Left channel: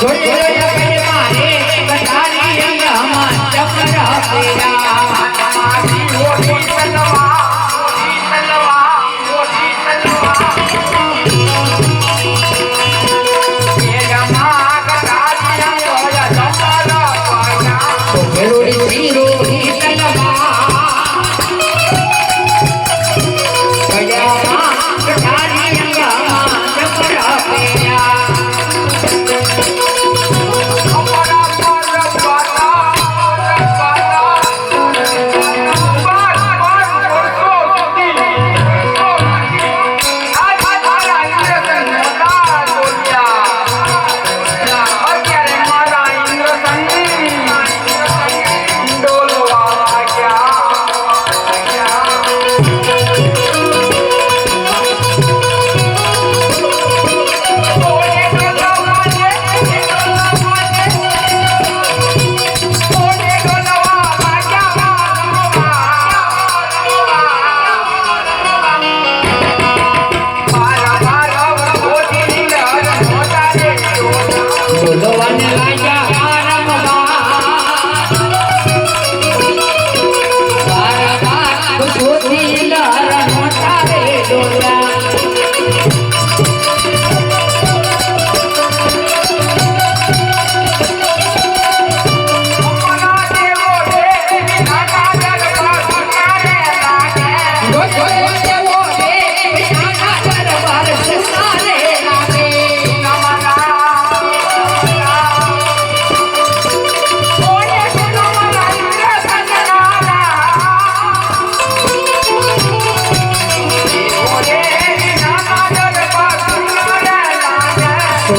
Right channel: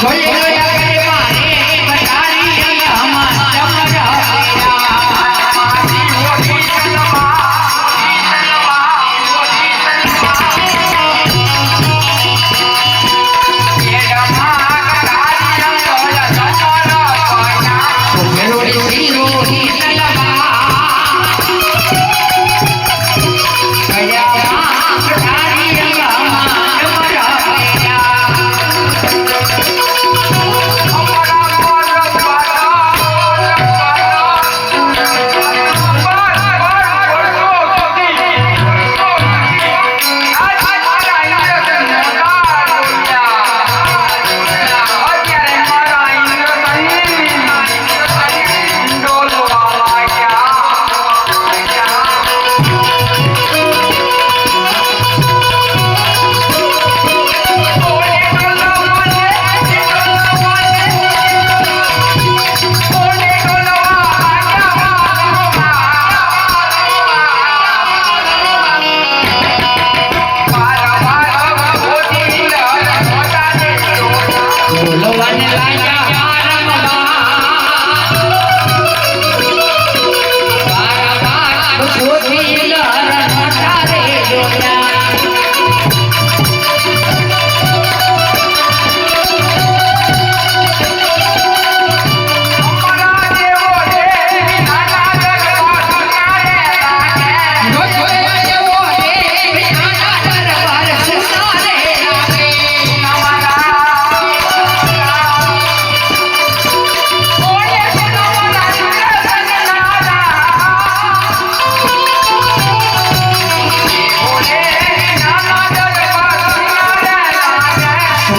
可以。可以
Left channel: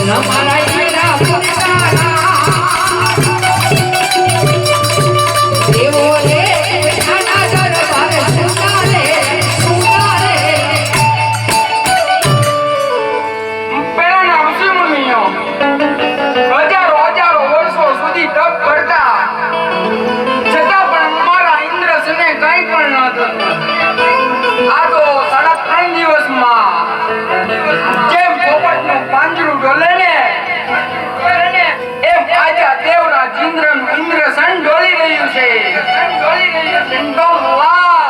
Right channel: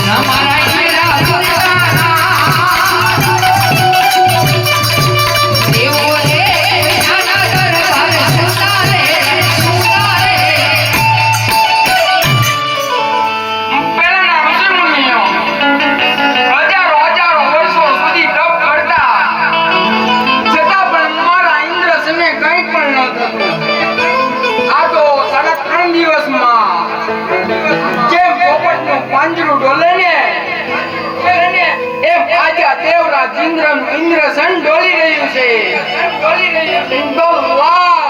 રામ રામ રામ રામ ચંદ્રમ ઇન્દ્ર સણ ડોળી રહ્યું છે. સણ ડોળી રહ્યું છે.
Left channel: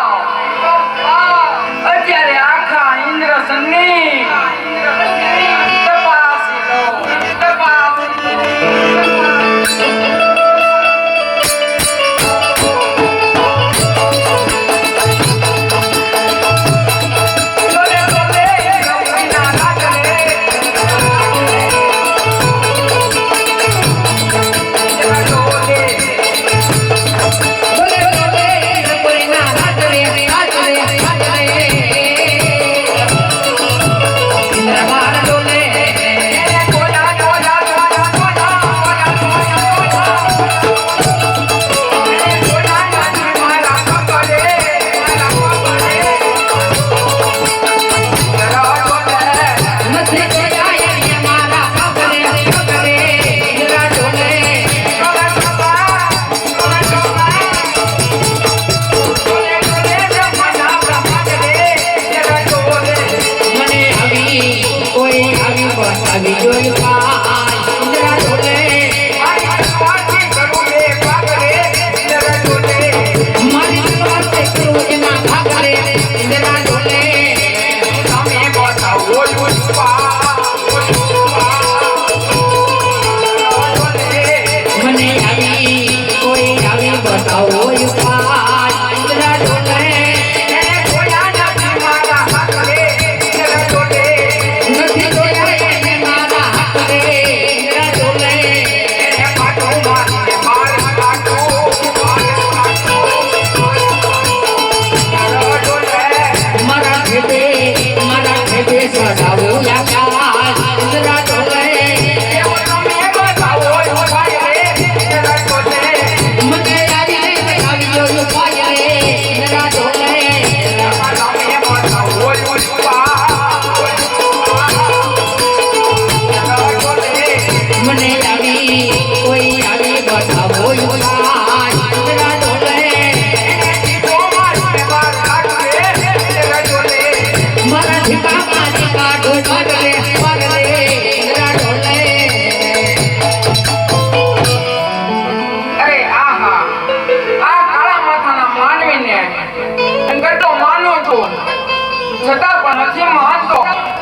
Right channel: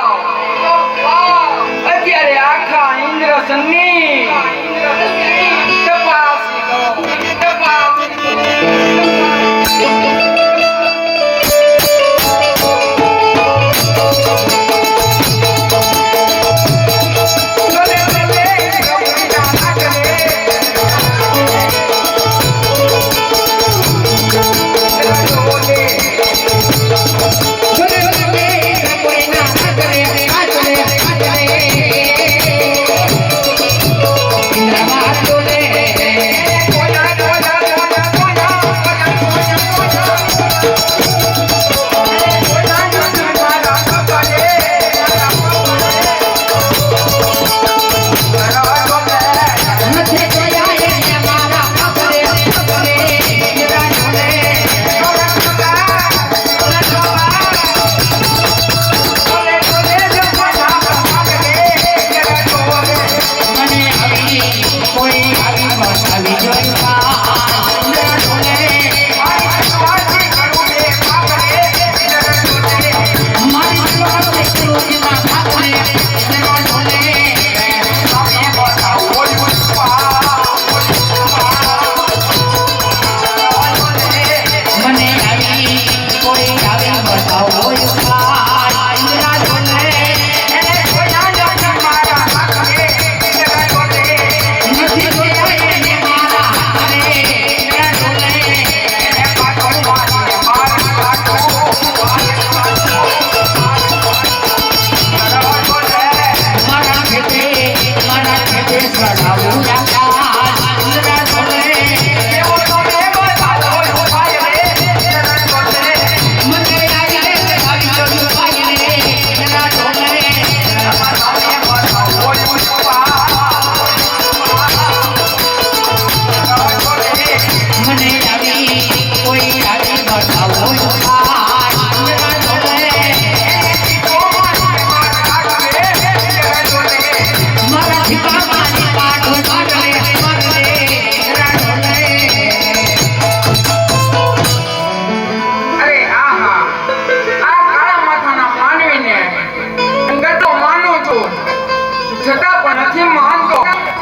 Là thời. છતાં પણ હજી મહત્વ